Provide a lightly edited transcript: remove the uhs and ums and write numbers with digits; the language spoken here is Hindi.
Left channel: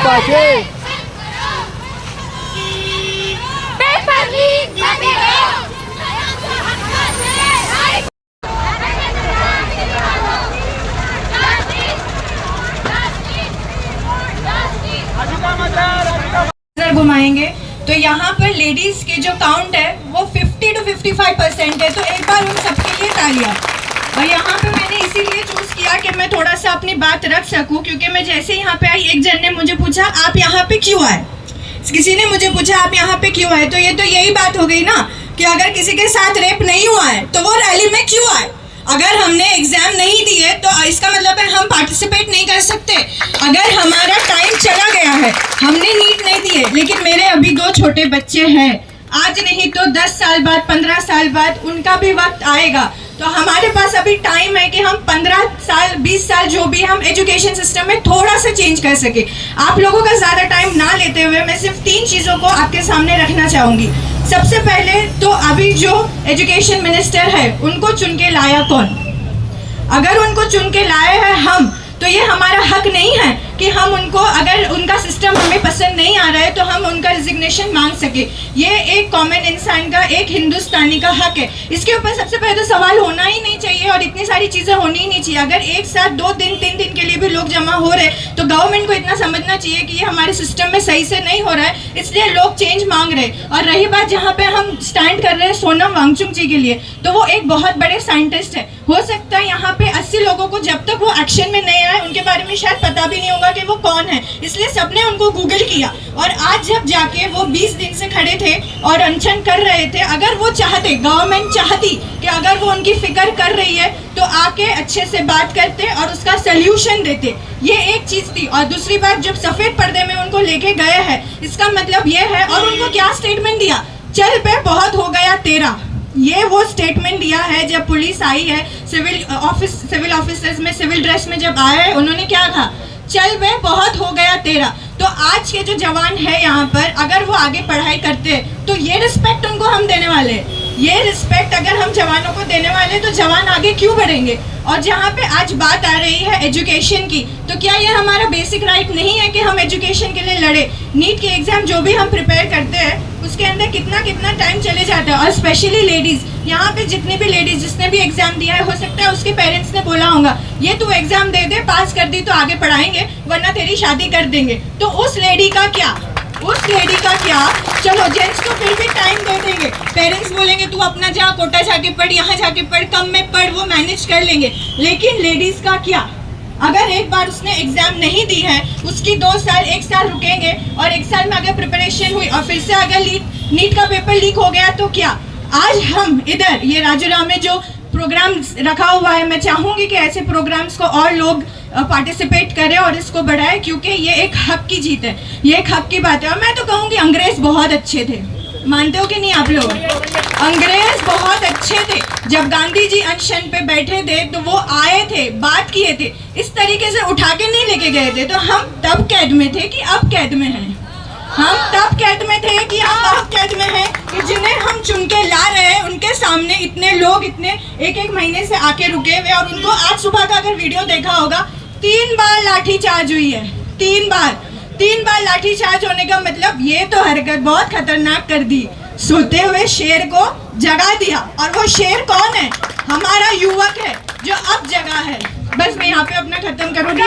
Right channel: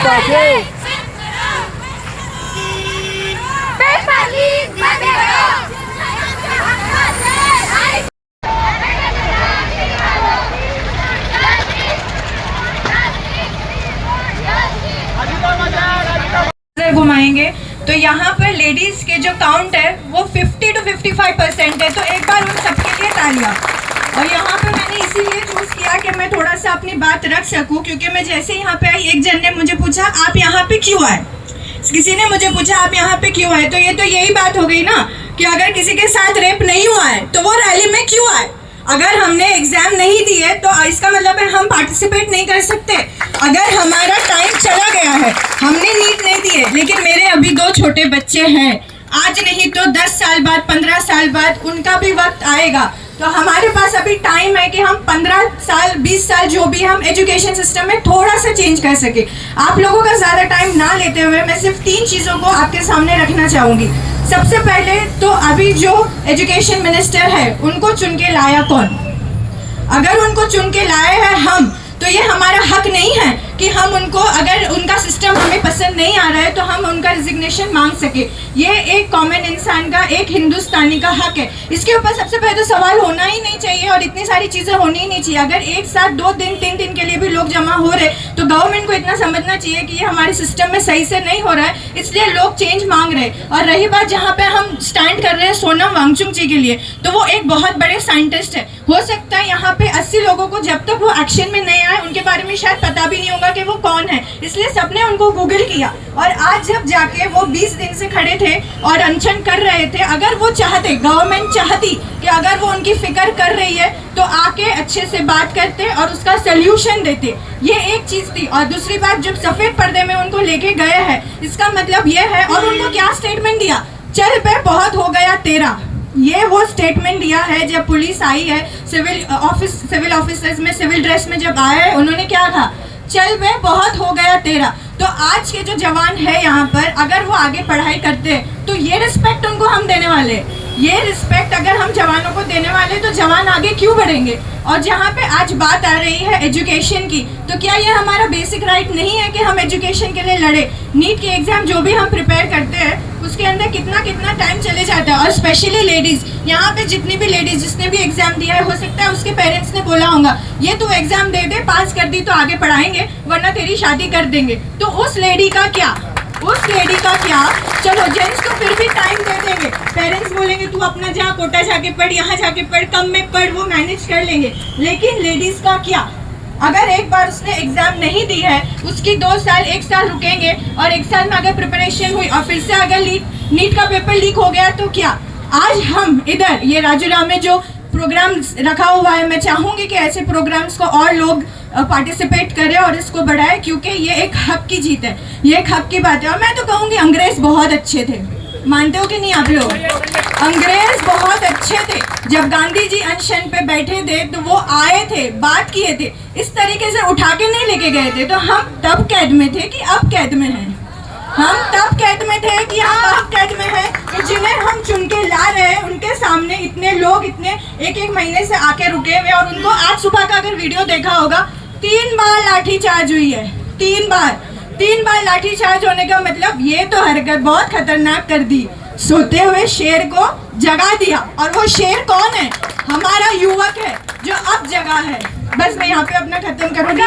पाचे घुमाएंगे तो यहाँ पर लेडीज के जो काउंट है वो 50 to 55% है। तो एक बार उन सबके लिए तालियां। और यहाँ पे मैंने इसीलिए चूज किया कि मैं थोड़ा सा अपनी बात रख सकूं, क्योंकि मैं जैसे यहाँ पे आई एक जन ने मुझे पूछा आप यहाँ पे क्यों आए, किसी ने मुझे पूछा आप यहाँ पे क्यों आए। तो ये तो यही बात हो गई ना कि अगर किसी के साथ रेप नहीं हुआ है तो वो रैली में क्यों आए। अगर हमने एग्जाम नहीं दिए तो इसका मतलब है हम पार्टिसिपेट नहीं कर सकते। अगर हमारा टाइम चला गया है, हमने नीट नहीं दिए, लेकिन मेरे अभी 2 छोटे बच्चे हैं, आज नहीं तो 10 साल बाद 15 साल बाद उनका भी वक्त आएगा। तो हमारे पास अभी टाइम है कि हम 15 साल 20 साल जो भी हम एजुकेशन सिस्टम में थोड़ा सा चेंज कर सके। आप लोगों का ज़्यादा टाइम ना लेते हुए मैं सिर्फ 3 चीज़ों को आपके सामने रखना चाहूँगी। सबसे पहले तो अभी जो एजुकेशन मिनिस्टर है उनको चुन के लाया कौन? अगर उनको चुन के लाए हैं हम, तो ये हमारा हक नहीं है कि हम उनको, अगर उनका सिस्टम हमें पसंद नहीं आ रहा है तो हम उनका रिजिग्नेशन मांग सके। ये एक कॉमन इंसान का, एक हिंदुस्तानी का हक है। इसके ऊपर सबसे पहले तो सवाल होना ही नहीं चाहिए और इतनी सारी चीज़ें होनी ही नहीं चाहिए। अगर एक साथ 2 दिन 3 दिन के लिए भी लोग जमा हो रहे तो गवर्नमेंट को इतना समझना चाहिए कि ये हमारे सिस्टम में सही से नहीं हो रहा है, इसलिए लोग चेंज मांग रहे हैं। और रही बात जहाँ पे हम स्टैंड कर रहे हैं सोनम वांगचुक जी के लिए, तो वो एक बहुत बड़े साइंटिस्ट है। हो सकता है यहाँ पे 80 लोगों को जब तक वो एक्शन में नहीं आए उनके बारे में शायद पता भी नहीं होगा कि वो कौन है, इसलिए सबने उनको गूगल किया। और आज जब जाके वो 20 दिन से खड़े थे और अनशन कर रहे थे, अगर वो चाहते, गवर्नमेंट चाहती कि अगर वो उनकी फिक्र कर रही है तो आके अच्छे से बात करते और उसका सोल्यूशन देते। ये एक चीज थी। और दूसरी बात, जब सफेद पर्दे में उनको लेके गया है, इसका मतलब ये है, और उनको क्या स्टेटमेंट दिया, चल पे बहुत हो गया तेरा। ये वो स्टेटमेंट दिया है जब पुलिस आई है, सिविल ऑफिसर्स में सिविल ड्रेस में जब आए हैं, उन्होंने क्या कहा, चल बे बहुत हो गया तेरा। तो आज के जो जवान है यहाँ पर, अगर वो आगे पढ़ाई करते तो ये रिस्पेक्ट उनको हम देने वाले, ये रिस्पेक्ट अगर हम जवानों को देने वाले तो जवान आगे क्यों बढ़ेंगे। और जहाँ पे आज बात आ रही है एजुकेशन की, तो क्या ये हमारा बेसिक राइट नहीं है कि हम एजुकेशन के लिए लड़े। नीट के एग्जाम जो भी हम प्रिपेयर करते हैं उसके अंदर कितना कितना टाइम चले जाता है। और स्पेशली लेडीज, यहाँ पे जितनी भी लेडीज जिसने भी एग्जाम दिया है, हो सकता है उसके पेरेंट्स ने बोला होगा ये तू एग्जाम दे दे, पास कर दी तो आगे पढ़ाएंगे वरना तेरी शादी कर देंगे। तो उस लेडी का क्या, चलो जेंट्स तो फिर भी टाइम दे देंगे, पेरेंट्स बोलेंगे तू अपना जहाँ कोटा जाके पढ़, यहाँ जाके पढ़, कम में पढ़, वो मैनेज कर लेंगे। लेकिन लेडीज का क्या, अगर एक बार उसने एग्जाम नहीं दी है, उसकी 2 साल 1 साल रुकेंगे, और 1 साल में अगर प्रिपरेशन हुई और फिर से अगर नीट का पेपर लीक हो गया तो क्या। आज हम इधर ये राजूराम में जो प्रोग्राम रखा हुआ है, मैं चाहूंगी कि ऐसे प्रोग्राम्स को और लोग पार्टिसिपेट करें और इसको बढ़ाएं, क्योंकि ये एक हक की जीत है, ये एक हक की बात है। और मैं तो कहूँगी अंग्रेज बहुत अच्छे थे, मानते हो कि नहीं आप लोग? अंग्रेज बहुत अच्छे थे। जब गांधी जी अनशन पे बैठे थे तो वो आए थे, बात किए थे, इस तरीके से उठा के नहीं लेके गए थे। तो हम तब कैद में थे कि अब कैद में हैं, हम तब कैद में थे कि हम अब कैद में हैं, कि जिन्हें हम चुन के ला रहे हैं उनके सामने इतने लोग इतने 1-1 महीने से आके रुके हुए। और उनको आज सुबह का अगर वीडियो देखा होगा, 3 बार लाठी चार्ज हुई है, 3 बार लाठी चार्ज होने का मतलब ये तो हरकत बहुत खतरनाक कर दी, सोते हुए शेर को जगा दिया। और वो शेर कौन है? हमारा युवक है जो अब जगा है। बस मैं यहाँ पे अपना खत्म करूँगी।